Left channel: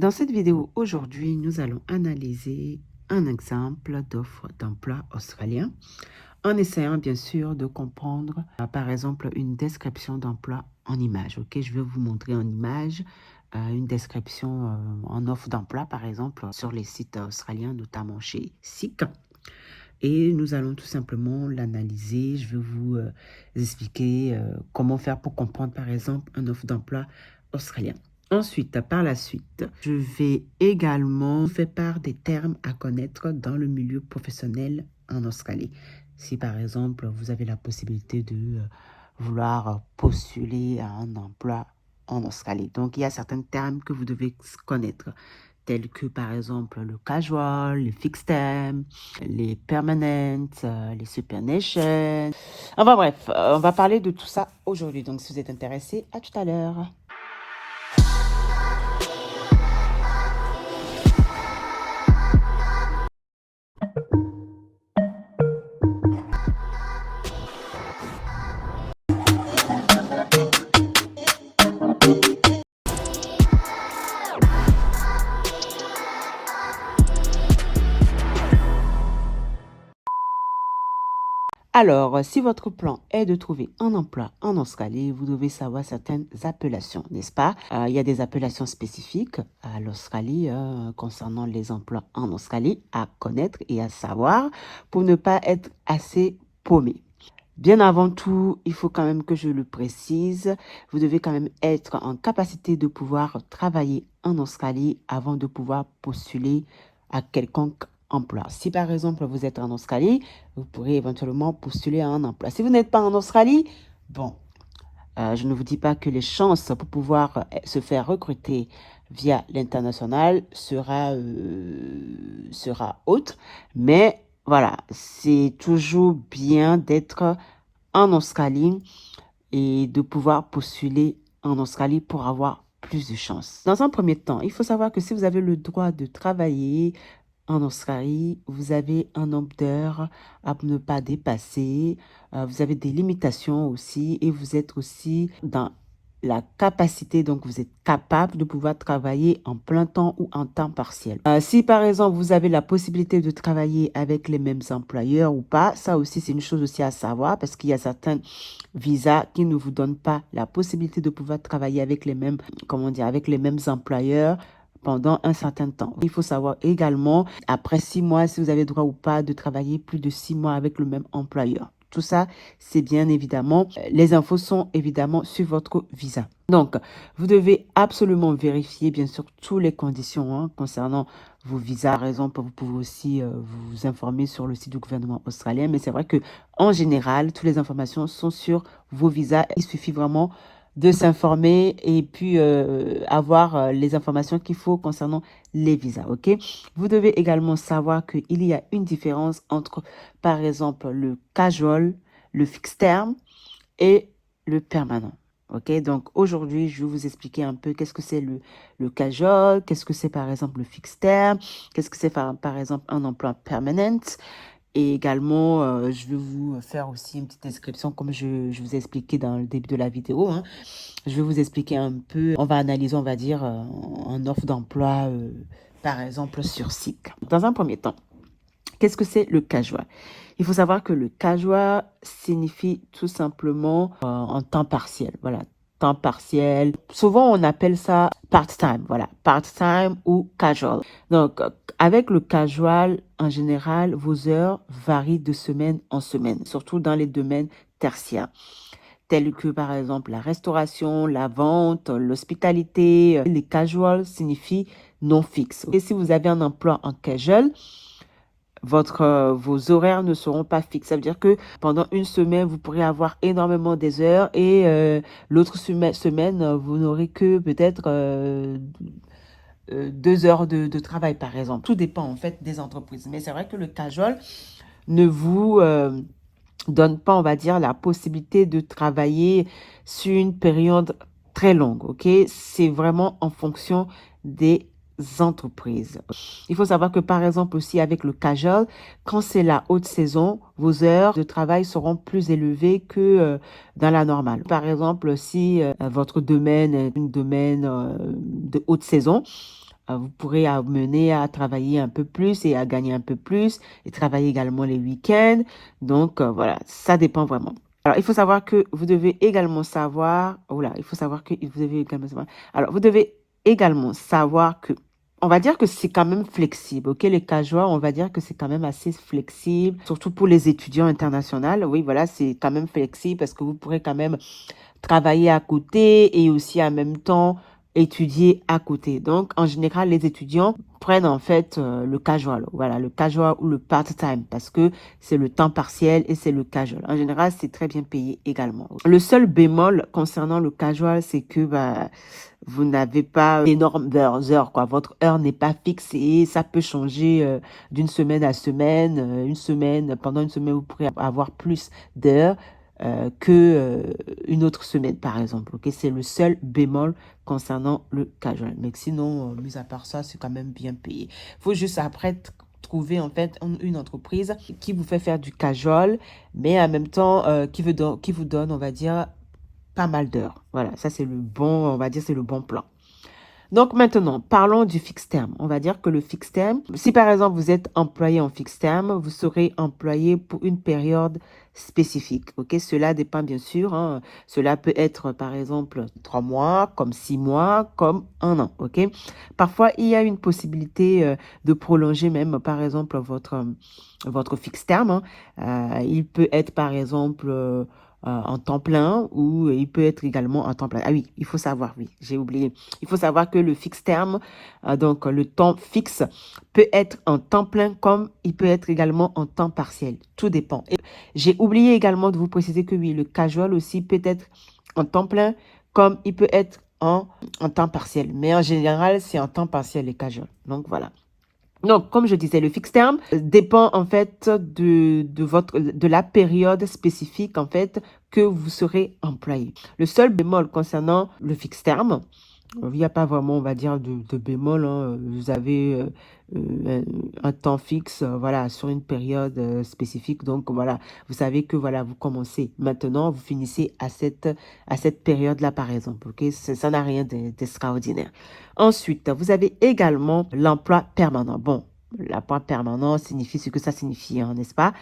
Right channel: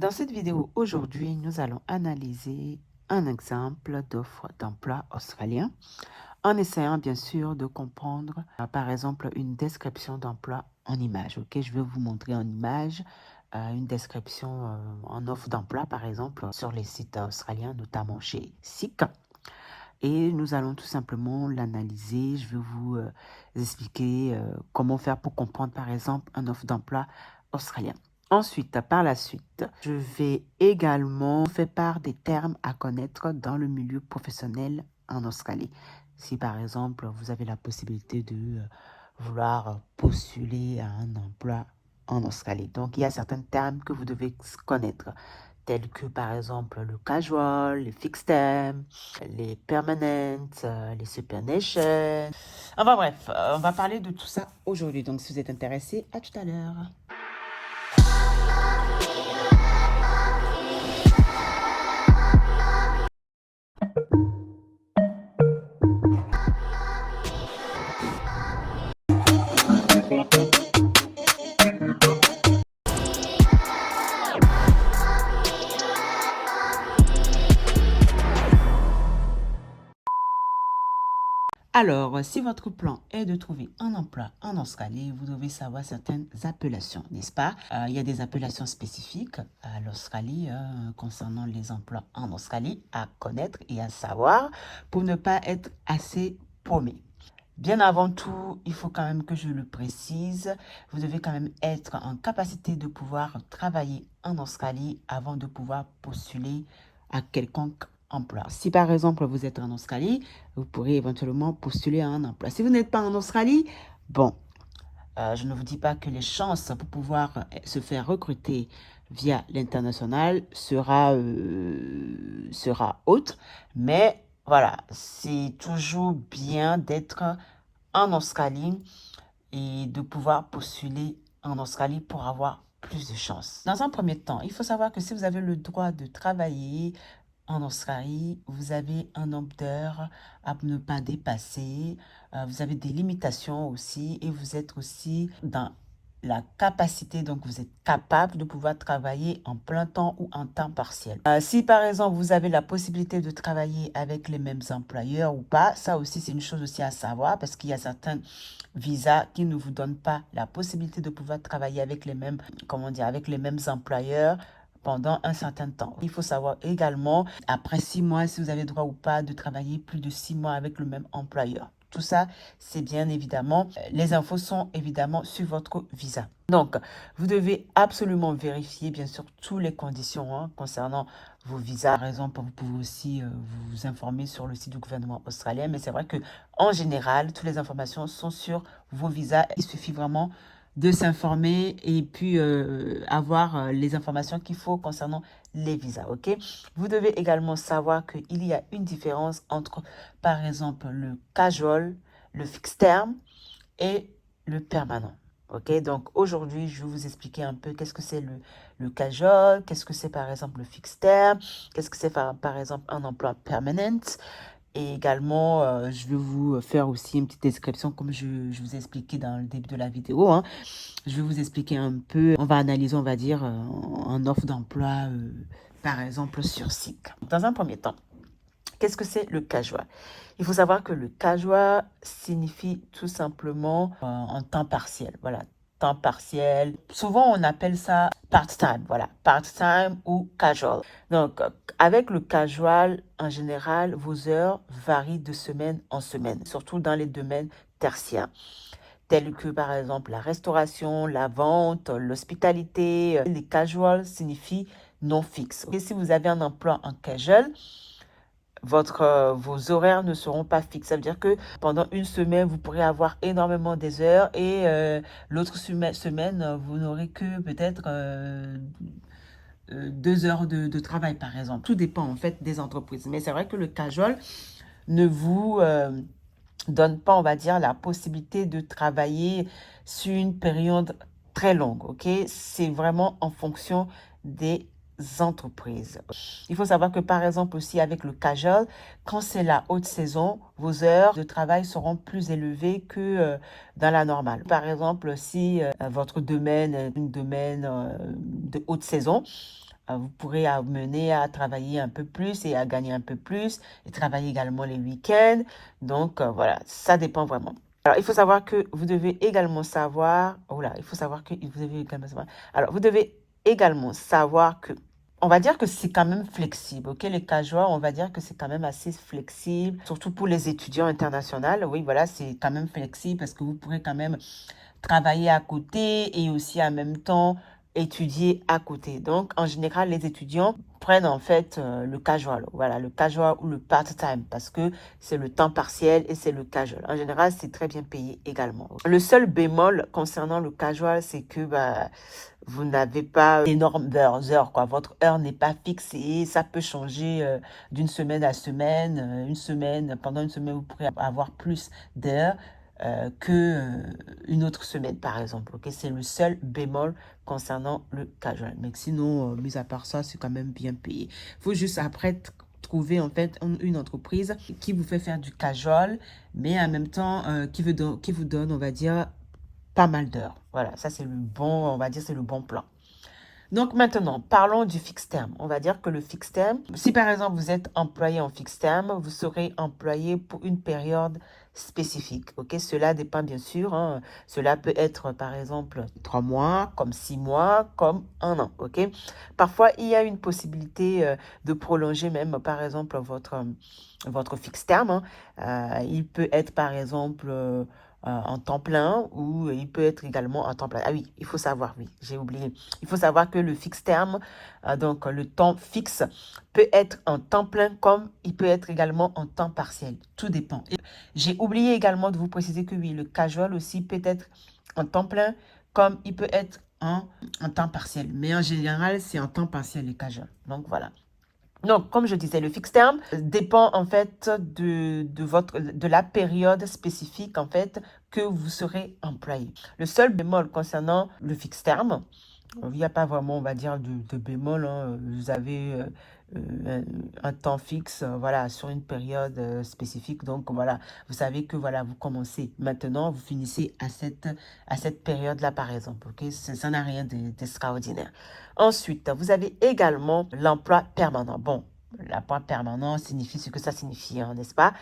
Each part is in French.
Dans cette vidéo aujourd'hui, nous allons analyser un exemple d'offre d'emploi australien en essayant bien sûr de comprendre par exemple une description d'emploi en image. Ok, je vais vous montrer en image une description en offre d'emploi par exemple sur les sites australiens, notamment chez SEEK. Et nous allons tout simplement l'analyser. Je vais vous expliquer comment faire pour comprendre par exemple une offre d'emploi australien. Ensuite, par la suite, je vais également faire part des termes à connaître dans le milieu professionnel en Australie. Si par exemple, vous avez la possibilité de vouloir postuler à un emploi en Australie. Donc, il y a certains termes que vous devez connaître, tels que par exemple le casual, le fixed term, les permanent, les supernations. Enfin bref, on va parler de tout ça aujourd'hui. Donc, si vous êtes intéressé, à tout à l'heure. Alors, si votre plan est de trouver un emploi en Australie, vous devez savoir certaines appellations, n'est-ce pas? Il y a des appellations spécifiques à l'Australie concernant les emplois en Australie à connaître et à savoir pour ne pas être assez paumé. Bien avant tout, il faut quand même que je le précise, vous devez quand même être en capacité de pouvoir travailler en Australie avant de pouvoir postuler à quelconque emploi. Si par exemple vous êtes en Australie, vous pourrez éventuellement postuler à un emploi. Si vous n'êtes pas en Australie, bon, je ne vous dis pas que les chances pour pouvoir se faire recruter via l'international sera haute, mais voilà, c'est toujours bien d'être en Australie et de pouvoir postuler en Australie pour avoir plus de chances. Dans un premier temps, il faut savoir que si vous avez le droit de travailler en Australie, vous avez un nombre d'heures à ne pas dépasser. Vous avez des limitations aussi et vous êtes aussi dans la capacité, donc vous êtes capable de pouvoir travailler en plein temps ou en temps partiel. Si par exemple vous avez la possibilité de travailler avec les mêmes employeurs ou pas, ça aussi c'est une chose aussi à savoir parce qu'il y a certains visas qui ne vous donnent pas la possibilité de pouvoir travailler avec les mêmes, comment dire, avec les mêmes employeurs pendant un certain temps. Il faut savoir également, après 6 mois, si vous avez droit ou pas de travailler plus de 6 mois avec le même employeur. Tout ça, c'est bien évidemment, les infos sont évidemment sur votre visa. Donc, vous devez absolument vérifier, bien sûr, toutes les conditions concernant vos visas. Par exemple, vous pouvez aussi vous informer sur le site du gouvernement australien, mais c'est vrai que en général, toutes les informations sont sur vos visas. Il suffit vraiment de s'informer et puis avoir les informations qu'il faut concernant les visas, ok? Vous devez également savoir qu'il y a une différence entre, par exemple, le casual, le fixed term et le permanent. Ok, donc aujourd'hui, je vais vous expliquer un peu qu'est-ce que c'est le casual, qu'est-ce que c'est par exemple le fixed term, qu'est-ce que c'est par exemple un emploi permanent. Et également, je vais vous faire aussi une petite description comme je vous ai expliqué dans le début de la vidéo. Je vais vous expliquer un peu, on va analyser, on va dire, en offre d'emploi, par exemple sur SEEK. Dans un premier temps, qu'est-ce que c'est le casual? Il faut savoir que le casual signifie tout simplement en temps partiel. Voilà, temps partiel. Souvent, on appelle ça part-time. Voilà, part-time ou casual. Donc, avec le casual, en général, vos heures varient de semaine en semaine, surtout dans les domaines tertiaires, tels que par exemple la restauration, la vente, l'hospitalité. Les casual signifient non fixe. Et si vous avez un emploi en casual, vos horaires ne seront pas fixes. Ça veut dire que pendant une semaine, vous pourrez avoir énormément des heures et l'autre semaine, vous n'aurez que peut-être 2 heures de travail, par exemple. Tout dépend en fait des entreprises. Mais c'est vrai que le casual ne vous donne pas, on va dire, la possibilité de travailler sur une période très longue, ok? C'est vraiment en fonction des entreprises. Il faut savoir que par exemple aussi avec le casual, quand c'est la haute saison, vos heures de travail seront plus élevées que dans la normale. Par exemple, si votre domaine est un domaine de haute saison, vous pourrez amener à travailler un peu plus et à gagner un peu plus et travailler également les week-ends. Donc, voilà, ça dépend vraiment. Alors, il faut savoir que vous devez également savoir, voilà, il faut savoir que vous devez également savoir, alors, vous devez également savoir que, on va dire que c'est quand même flexible, ok? Les casuals, on va dire que c'est quand même assez flexible, surtout pour les étudiants internationaux. Oui, voilà, c'est quand même flexible parce que vous pourrez quand même travailler à côté et aussi en même temps étudier à côté. Donc, en général, les étudiants prennent en fait le casual, voilà, le casual ou le part-time parce que c'est le temps partiel et c'est le casual. En général, c'est très bien payé également. Le seul bémol concernant le casual, c'est que vous n'avez pas d'énormes heures, quoi. Votre heure n'est pas fixée, ça peut changer d'une semaine à semaine. Pendant une semaine, vous pourrez avoir plus d'heures que une autre semaine, par exemple. Ok, c'est le seul bémol concernant le casual. Mais sinon, mis à part ça, c'est quand même bien payé. Il faut juste après trouver en fait une entreprise qui vous fait faire du casual, mais en même temps qui vous donne, on va dire, pas mal d'heures. Voilà, ça c'est le bon, on va dire, c'est le bon plan. Donc maintenant, parlons du fixe terme. On va dire que le fixe terme, si par exemple vous êtes employé en fixe terme, vous serez employé pour une période spécifique. Ok, cela dépend bien sûr. Cela peut être par exemple 3 mois, comme 6 mois, comme un an. Ok, parfois il y a une possibilité de prolonger même par exemple votre fixe terme. Il peut être par exemple en temps plein ou il peut être également en temps plein. Ah oui, il faut savoir, oui, j'ai oublié. Il faut savoir que le fixe terme, donc le temps fixe, peut être en temps plein comme il peut être également en temps partiel. Tout dépend. J'ai oublié également de vous préciser que oui, le casual aussi peut être en temps plein comme il peut être en temps partiel. Mais en général, c'est en temps partiel les casual. Donc voilà. Donc, comme je disais, le fixe terme dépend en fait de la période spécifique en fait que vous serez employé. Le seul bémol concernant le fixe terme, il n'y a pas vraiment, on va dire, de bémol. Vous avez un temps fixe, voilà, sur une période spécifique. Donc, voilà, vous savez que, voilà, vous commencez maintenant, vous finissez à cette période-là, par exemple. Ok, ça n'a rien d'extraordinaire. Ensuite, vous avez également l'emploi permanent. Bon, l'emploi permanent signifie ce que ça signifie, hein, n'est-ce pas?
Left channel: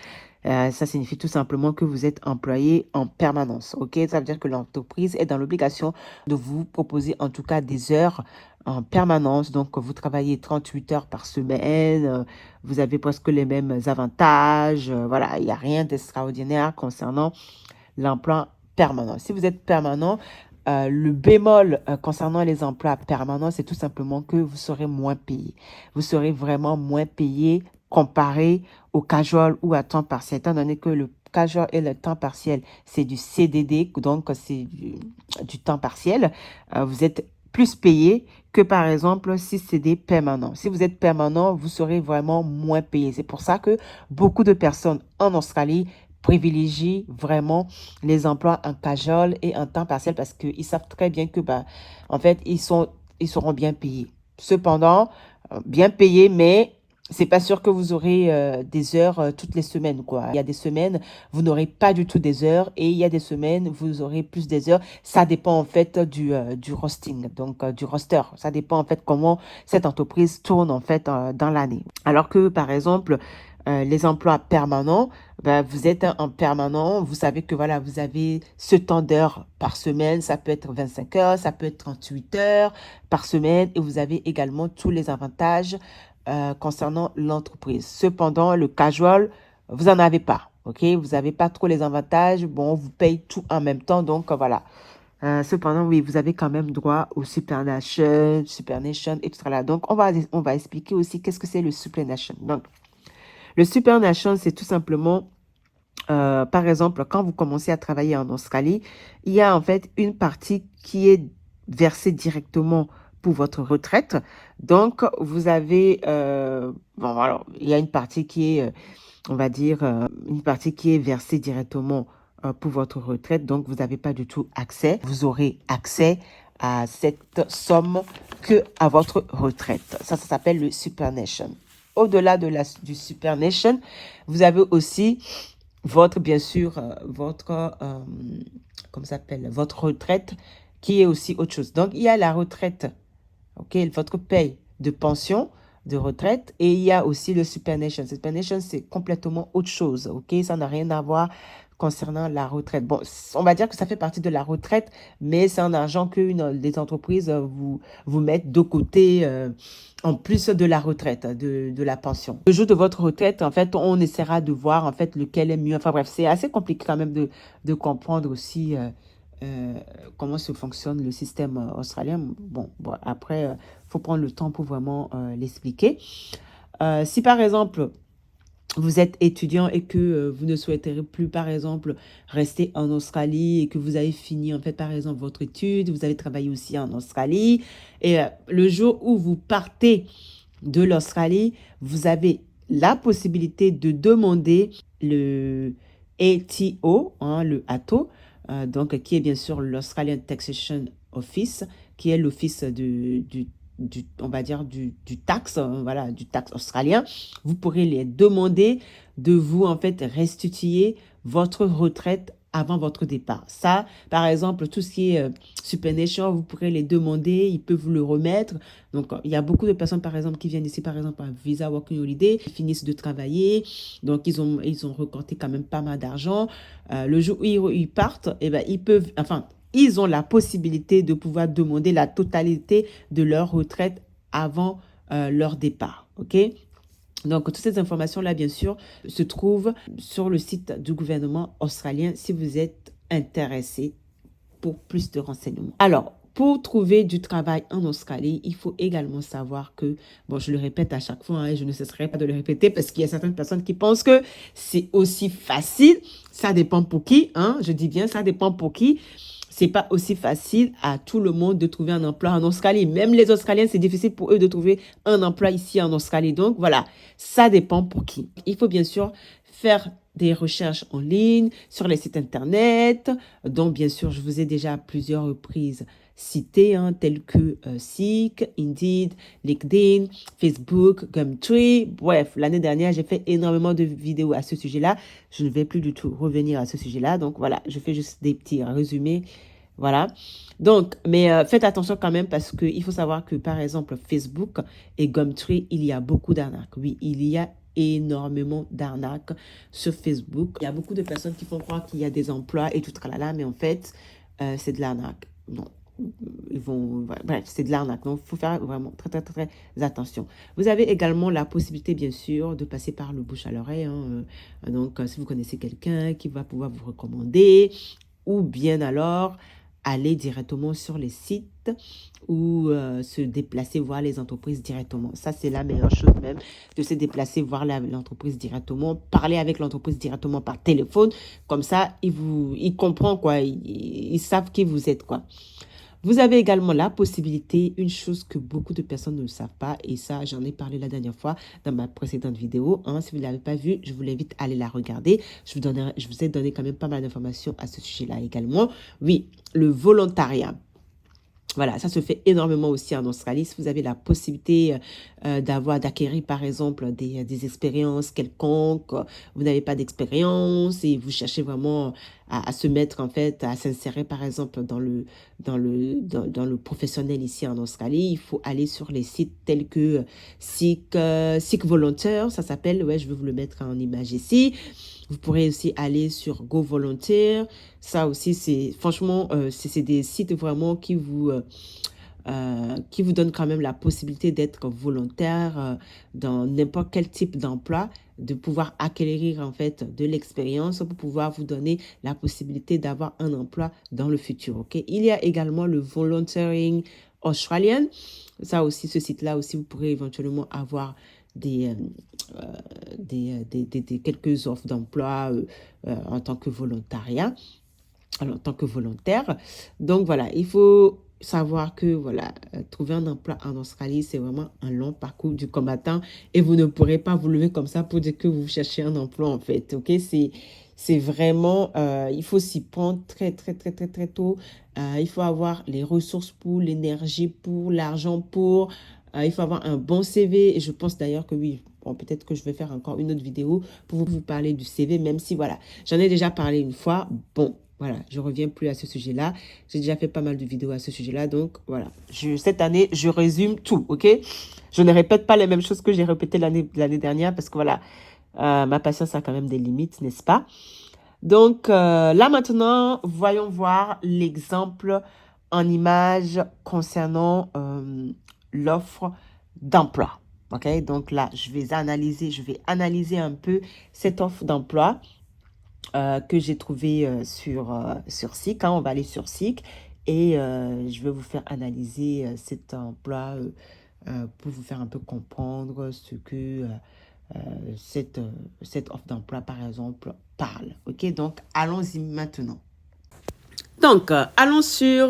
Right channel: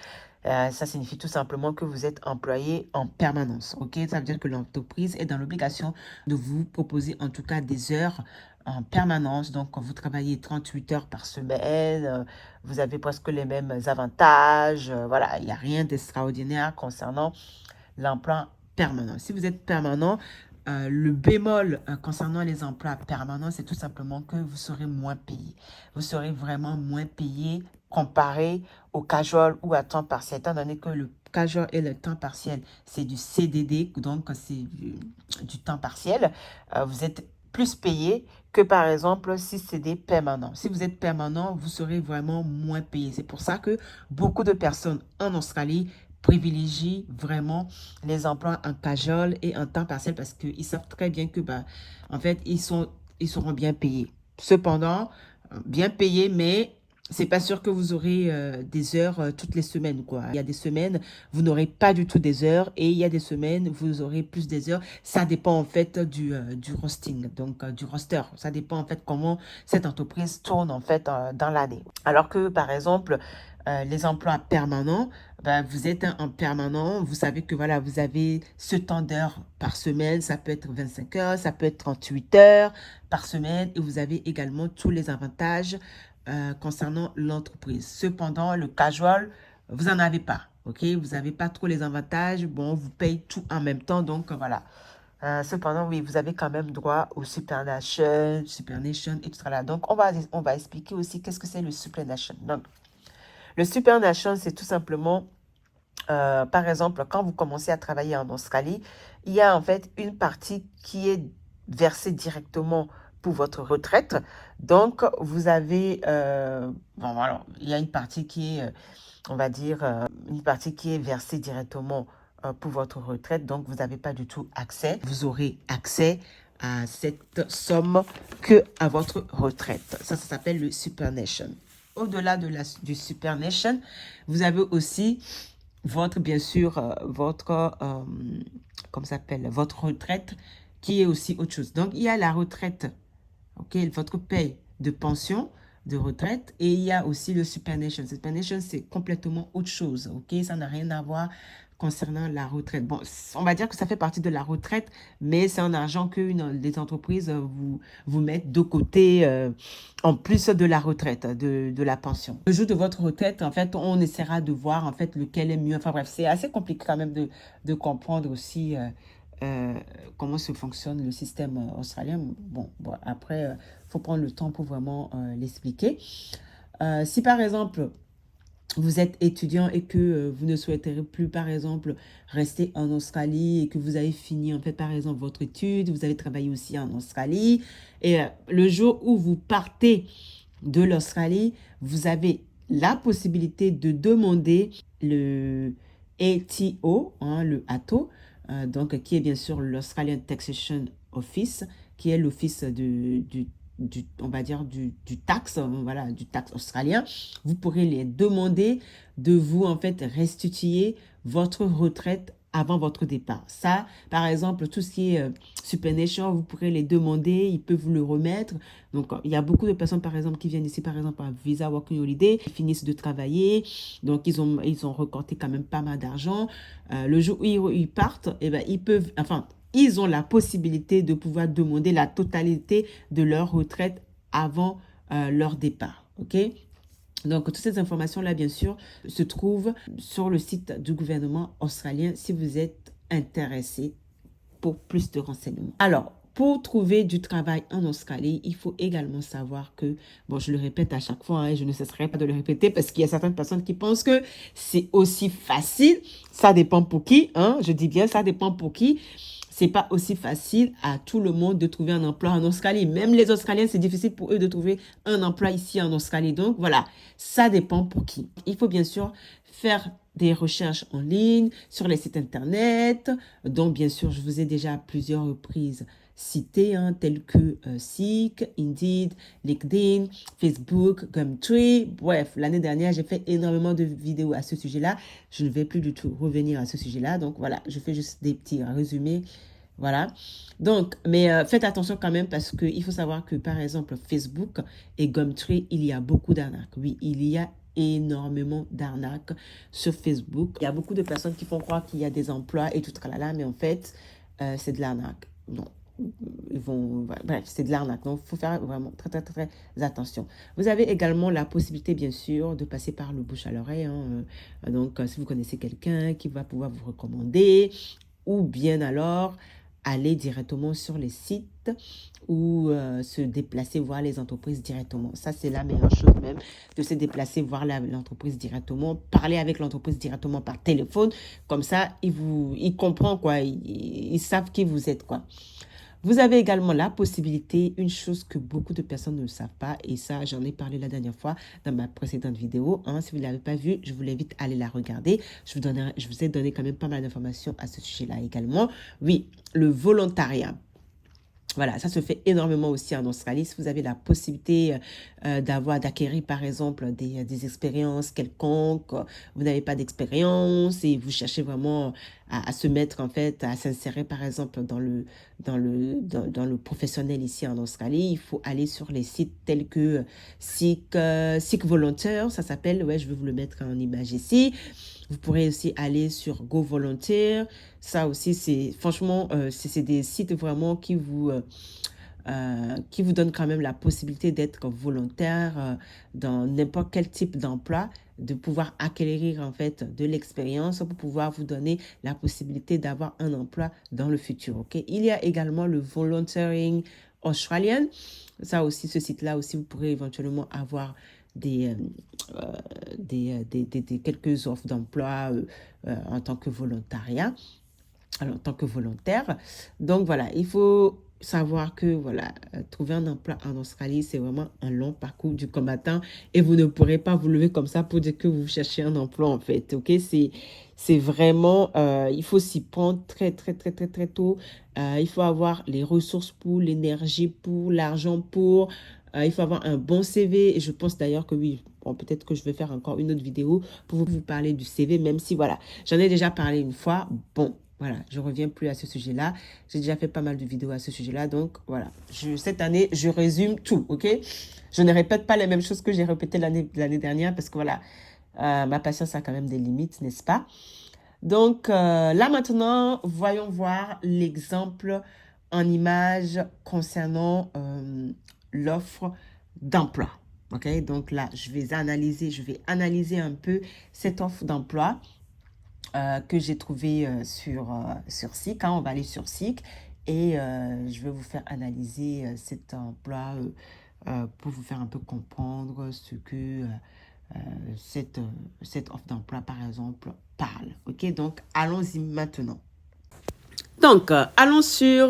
Ça signifie tout simplement que vous êtes employé en permanence. Ok, ça veut dire que l'entreprise est dans l'obligation de vous proposer en tout cas des heures en permanence. Donc, vous travaillez 38 heures par semaine. Vous avez presque les mêmes avantages. Voilà, il n'y a rien d'extraordinaire concernant l'emploi permanent. Si vous êtes permanent, le bémol concernant les emplois permanents, c'est tout simplement que vous serez moins payé. Vous serez vraiment moins payé comparé au casual ou à temps partiel, étant donné que le casual et le temps partiel, c'est du CDD, donc c'est du temps partiel. Vous êtes plus payé que par exemple si c'est des permanents. Si vous êtes permanent, vous serez vraiment moins payé. C'est pour ça que beaucoup de personnes en Australie privilégient vraiment les emplois en casual et en temps partiel parce qu'ils savent très bien que, en fait, ils seront bien payés. Cependant, bien payés, mais c'est pas sûr que vous aurez des heures toutes les semaines, quoi. Il y a des semaines, vous n'aurez pas du tout des heures et il y a des semaines, vous aurez plus des heures. Ça dépend en fait du roster, donc du roster. Ça dépend en fait comment cette entreprise tourne en fait dans l'année. Alors que, par exemple, les emplois permanents, vous êtes en permanent, vous savez que voilà, vous avez ce temps d'heures par semaine, ça peut être 25 heures, ça peut être 38 heures par semaine et vous avez également tous les avantages concernant l'entreprise. Cependant, le casual, vous n'en avez pas, ok? Vous n'avez pas trop les avantages, bon, vous payez tout en même temps, donc voilà. Cependant, oui, vous avez quand même droit au Supernation, etc. Donc, on va expliquer aussi qu'est-ce que c'est le Supernation. Donc, le Supernation, c'est tout simplement, par exemple, quand vous commencez à travailler en Australie, il y a en fait une partie qui est versée directement pour votre retraite. Donc, vous avez, bon, alors, il y a une partie qui est, on va dire, une partie qui est versée directement pour votre retraite. Donc, vous n'avez pas du tout accès. Vous aurez accès à cette somme que à votre retraite. Ça s'appelle le Supernation. Au-delà du Supernation, vous avez aussi votre, bien sûr, comment ça s'appelle, votre retraite qui est aussi autre chose. Donc, il y a la retraite, ok, votre paye de pension, de retraite. Et il y a aussi le SuperNation. SuperNation, c'est complètement autre chose, ok? Ça n'a rien à voir concernant la retraite. Bon, on va dire que ça fait partie de la retraite, mais c'est un argent que les entreprises vous mettent de côté en plus de la retraite, de la pension. Le jour de votre retraite, en fait, on essaiera de voir en fait lequel est mieux. Enfin bref, c'est assez compliqué quand même de comprendre aussi comment se fonctionne le système australien. Bon, après, il faut prendre le temps pour vraiment l'expliquer. Si par exemple, vous êtes étudiant et que vous ne souhaiterez plus, par exemple, rester en Australie et que vous avez fini, en fait, par exemple, votre étude, vous avez travaillé aussi en Australie, et le jour où vous partez de l'Australie, vous avez la possibilité de demander le ATO, hein, le ATO, donc qui est bien sûr l'Australian Taxation Office, qui est l'office on va dire du taxe, voilà, du taxe australien. Vous pourrez les demander de vous en fait restituer votre retraite avant votre départ. Ça, par exemple, tout ce qui est SuperNation, vous pourrez les demander, ils peuvent vous le remettre. Donc, il y a beaucoup de personnes, par exemple, qui viennent ici, par exemple, à Visa Working Holiday, ils finissent de travailler, donc ils ont récolté quand même pas mal d'argent. Le jour où ils partent, eh ben, ils peuvent, enfin, ils ont la possibilité de pouvoir demander la totalité de leur retraite avant leur départ. OK? Donc, toutes ces informations-là, bien sûr, se trouvent sur le site du gouvernement australien si vous êtes intéressé pour plus de renseignements. Alors, pour trouver du travail en Australie, il faut également savoir que, bon, je le répète à chaque fois, hein, et je ne cesserai pas de le répéter parce qu'il y a certaines personnes qui pensent que c'est aussi facile. Ça dépend pour qui, hein, je dis bien, ça dépend pour qui. C'est pas aussi facile à tout le monde de trouver un emploi en Australie. Même les Australiens, c'est difficile pour eux de trouver un emploi ici en Australie. Donc, voilà, ça dépend pour qui. Il faut bien sûr faire des recherches en ligne sur les sites internet, dont bien sûr, je vous ai déjà à plusieurs reprises cité, hein, tels que Seek, Indeed, LinkedIn, Facebook, Gumtree. Bref, l'année dernière, j'ai fait énormément de vidéos à ce sujet-là. Je ne vais plus du tout revenir à ce sujet-là. Donc voilà, je fais juste des petits résumés. Voilà. Donc, mais faites attention quand même parce qu'il faut savoir que, par exemple, Facebook et Gumtree, il y a beaucoup d'arnaques. Oui, il y a énormément d'arnaques sur Facebook. Il y a beaucoup de personnes qui font croire qu'il y a des emplois et tout là, mais en fait, c'est de l'arnaque. Non. Bref, c'est de l'arnaque. Donc, il faut faire vraiment très, très, très, très attention. Vous avez également la possibilité, bien sûr, de passer par le bouche à l'oreille. Hein. Donc, si vous connaissez quelqu'un qui va pouvoir vous recommander, ou bien alors aller directement sur les sites ou se déplacer voir les entreprises directement. Ça, c'est la meilleure chose même, de se déplacer voir l'entreprise directement, parler avec l'entreprise directement par téléphone. Comme ça, ils comprennent, quoi. Ils savent qui vous êtes, quoi. Vous avez également la possibilité, une chose que beaucoup de personnes ne savent pas, et ça, j'en ai parlé la dernière fois dans ma précédente vidéo. Hein, si vous ne l'avez pas vue, je vous l'invite à aller la regarder. Je vous ai donné quand même pas mal d'informations à ce sujet-là également. Oui, le volontariat. Voilà, ça se fait énormément aussi en Australie. Si vous avez la possibilité d'acquérir, par exemple, des expériences quelconques, vous n'avez pas d'expérience et vous cherchez vraiment à se mettre, en fait, à s'insérer, par exemple, dans le professionnel ici en Australie, il faut aller sur les sites tels que Seek Volunteer, ça s'appelle, ouais, je vais vous le mettre en image ici. Vous pourrez aussi aller sur Go Volunteer. Ça aussi, c'est franchement, c'est des sites vraiment qui vous donnent quand même la possibilité d'être volontaire dans n'importe quel type d'emploi, de pouvoir acquérir en fait de l'expérience pour pouvoir vous donner la possibilité d'avoir un emploi dans le futur. Ok, il y a également le Volunteering Australian. Ça aussi, ce site-là aussi, vous pourrez éventuellement avoir quelques offres d'emploi en tant que volontariat, alors, en tant que volontaire. Donc voilà, il faut savoir que voilà, trouver un emploi en Australie, c'est vraiment un long parcours du combattant et vous ne pourrez pas vous lever comme ça pour dire que vous cherchez un emploi en fait. Ok, c'est vraiment, il faut s'y prendre très, très, très, très, très tôt. Il faut avoir les ressources pour, l'énergie pour, l'argent pour. Il faut avoir un bon CV et je pense d'ailleurs que oui, bon, peut-être que je vais faire encore une autre vidéo pour vous parler du CV, même si voilà, j'en ai déjà parlé une fois. Bon, Voilà, je reviens plus à ce sujet-là. J'ai déjà fait pas mal de vidéos à ce sujet-là. Donc, voilà. Cette année, je résume tout, OK? Je ne répète pas les mêmes choses que j'ai répétées l'année dernière parce que, voilà, ma patience a quand même des limites, n'est-ce pas? Donc, là maintenant, voyons voir l'exemple en image concernant l'offre d'emploi. OK? Donc là, je vais analyser un peu cette offre d'emploi que j'ai trouvé sur SIC. Hein. On va aller sur SIC et je vais vous faire analyser cet emploi pour vous faire un peu comprendre ce que cette offre d'emploi, par exemple, parle. OK, donc allons-y maintenant. Donc, allons sur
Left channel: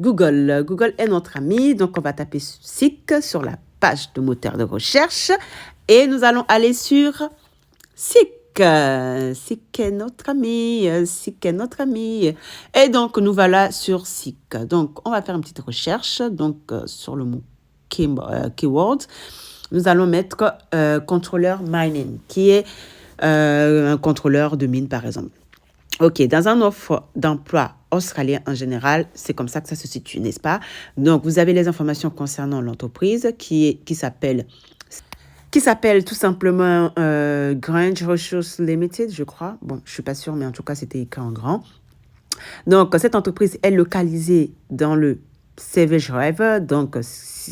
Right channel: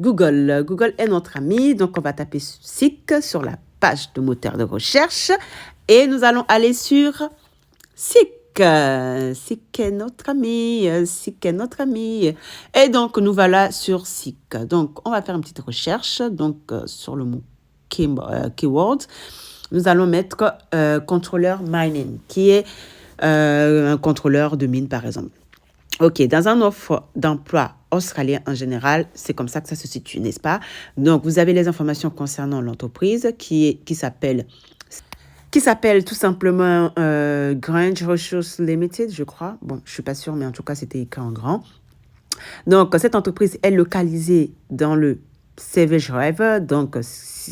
Google. Google est notre ami. Donc, on va taper SIC sur la page de moteur de recherche et nous allons aller sur SIC. SIC est notre ami, SIC est notre ami. Et donc, nous voilà sur SIC. Donc, on va faire une petite recherche donc, sur le mot keyword. Nous allons mettre contrôleur mining, qui est un contrôleur de mine, par exemple. OK, dans un offre d'emploi australien en général, c'est comme ça que ça se situe, n'est-ce pas? Donc, vous avez les informations concernant l'entreprise qui s'appelle tout simplement Grange Resources Limited, je crois. Bon, je ne suis pas sûre, mais en tout cas, c'était écrit en grand. Donc, cette entreprise est localisée dans le Savage River, donc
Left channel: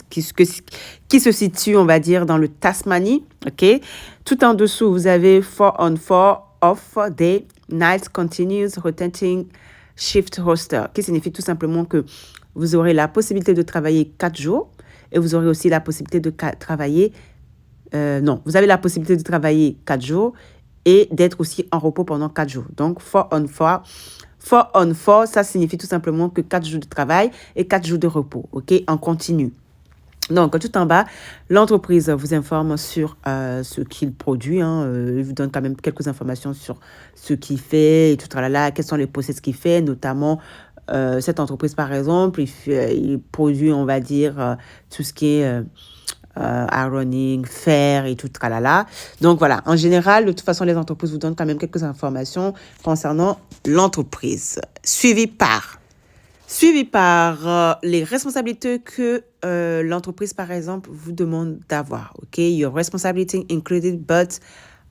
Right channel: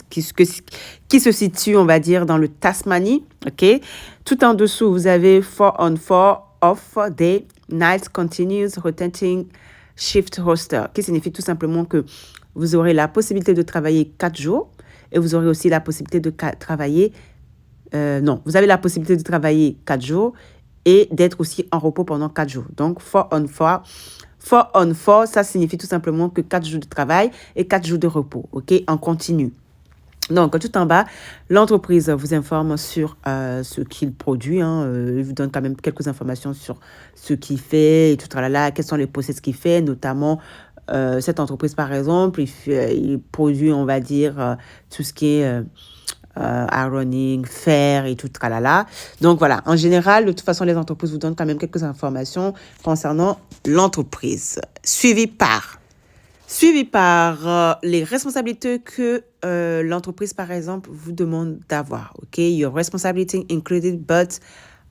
qui se situe, on va dire, dans le Tasmanie. OK? Tout en dessous, vous avez 4 on 4 off day, night continuous rotating shift roster, qui signifie tout simplement que vous aurez la possibilité de travailler 4 jours et vous aurez aussi la possibilité de travailler vous avez la possibilité de travailler 4 jours et d'être aussi en repos pendant 4 jours. Donc, 4 on 4. 4 on 4, ça signifie tout simplement que 4 jours de travail et 4 jours de repos, OK, en continu. Donc, tout en bas, l'entreprise vous informe sur ce qu'il produit. Il vous donne quand même quelques informations sur ce qu'il fait et tout là, quels sont les process qu'il fait, notamment cette entreprise, par exemple, il produit, on va dire, tout ce qui est ironing, fer et tout tralala. Donc voilà, en général, de toute façon, les entreprises vous donnent quand même quelques informations concernant l'entreprise. Suivi par les responsabilités que l'entreprise, par exemple, vous demande d'avoir. OK, your responsibility included, but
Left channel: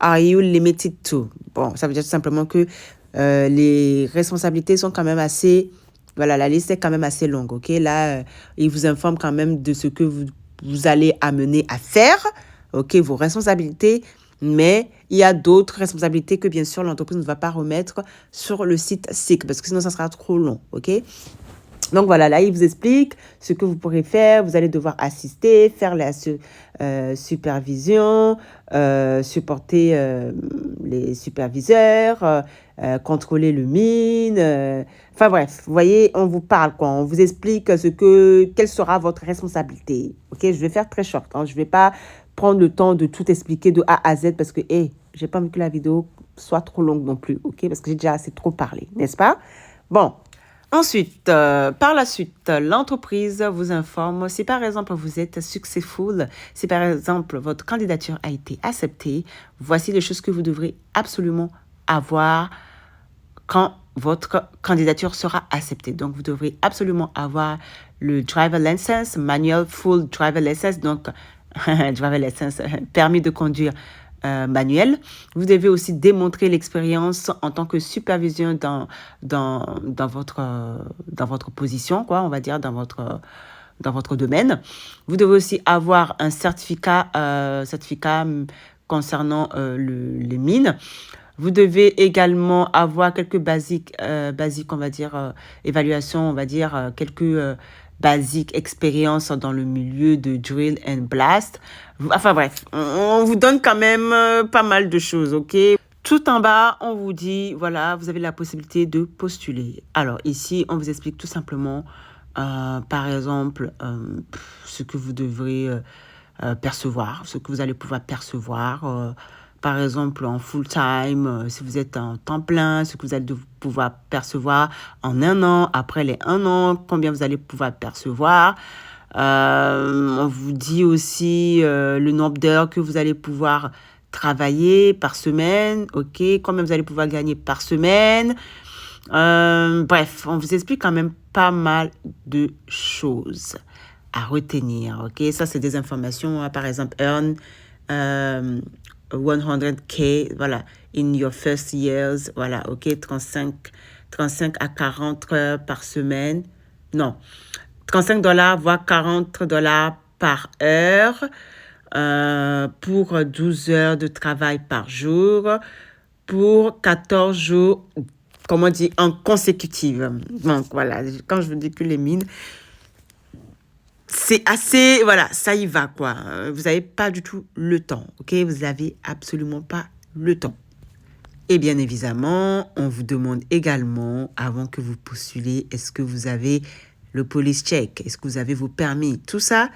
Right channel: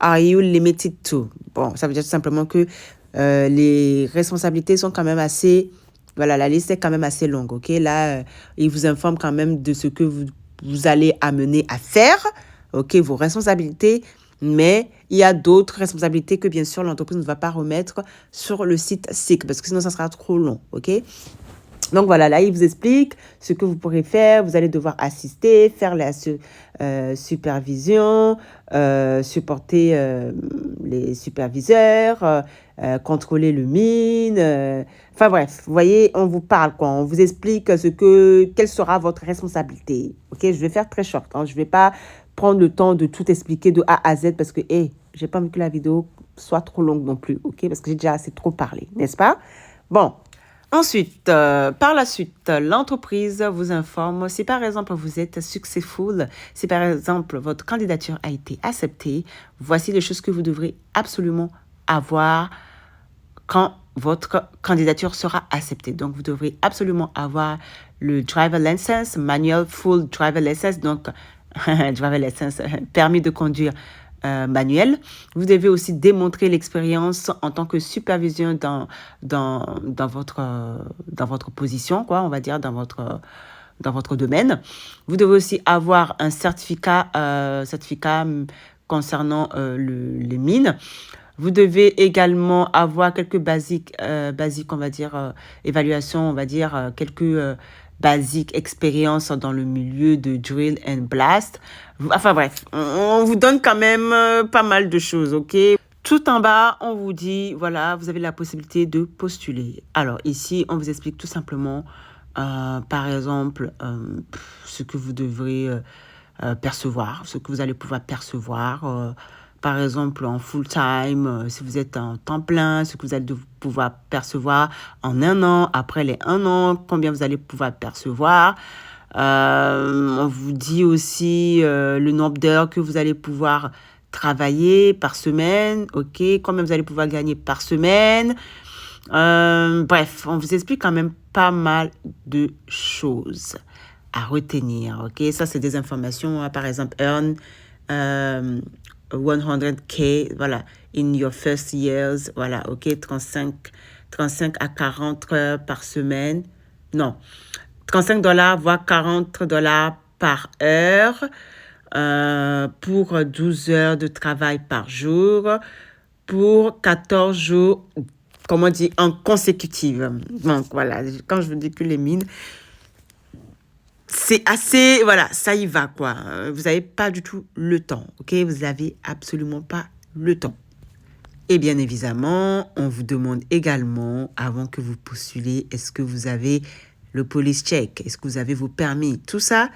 are you limited to? Bon, ça veut dire tout simplement que les responsabilités sont quand même assez... Voilà, la liste est quand même assez longue. OK, là, il vous informe quand même de ce que vous allez amener à faire, OK, vos responsabilités, mais il y a d'autres responsabilités que, bien sûr, l'entreprise ne va pas remettre sur le site SIC, parce que sinon, ça sera trop long, OK? Donc, voilà, là, il vous explique ce que vous pourrez faire. Vous allez devoir assister, faire la supervision, supporter les superviseurs, contrôler le mine. Enfin, bref, vous voyez, on vous parle, quoi. On vous explique quelle sera votre responsabilité. OK, je vais faire très short. Je ne vais pas prendre le temps de tout expliquer de A à Z parce que, j'ai pas envie que la vidéo soit trop longue non plus. OK, parce que j'ai déjà assez trop parlé, n'est-ce pas? Bon. Ensuite, par la suite, l'entreprise vous informe si par exemple vous êtes successful, si par exemple votre candidature a été acceptée, voici les choses que vous devrez absolument avoir quand votre candidature sera acceptée. Donc, vous devrez absolument avoir le driver license, manual full driver license, donc driver license, permis de conduire manuel. Vous devez aussi démontrer l'expérience en tant que supervision dans votre position, quoi, on va dire, dans votre domaine. Vous devez aussi avoir un certificat concernant les mines. Vous devez également avoir quelques basiques, on va dire, évaluation, on va dire, quelques basiques expériences dans le milieu de drill and blast. Enfin bref, on vous donne quand même pas mal de choses, OK? Tout en bas, on vous dit, voilà, vous avez la possibilité de postuler. Alors ici, on vous explique tout simplement, par exemple, ce que vous devrez percevoir, ce que vous allez pouvoir percevoir. Par exemple, en full-time, si vous êtes en temps plein, ce que vous allez pouvoir percevoir en 1 an, après les 1 an, combien vous allez pouvoir percevoir. On vous dit aussi le nombre d'heures que vous allez pouvoir travailler par semaine, OK, combien vous allez pouvoir gagner par semaine. Bref, on vous explique quand même pas mal de choses à retenir, ok? Ça, c'est des informations, par exemple, earn 100K, voilà, in your first years, voilà, ok? 35 à 40 heures par semaine, non, 35 $, voire 40 $ par heure, pour 12 heures de travail par jour, pour 14 jours, comment dire, en consécutive. Donc, voilà, quand je vous dis que les mines, c'est assez, voilà, ça y va, quoi. Vous n'avez pas du tout le temps, ok? Vous n'avez absolument pas le temps. Et bien évidemment, on vous demande également, avant que vous postulez, est-ce que vous avez le police check? Est-ce que vous avez vos permis? Tout ça,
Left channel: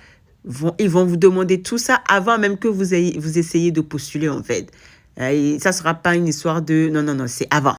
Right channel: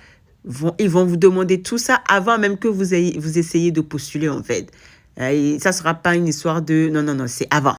ils vont vous demander tout ça avant même que vous essayez de postuler, en fait. Ça ne sera pas une histoire de... Non, non, non, c'est avant.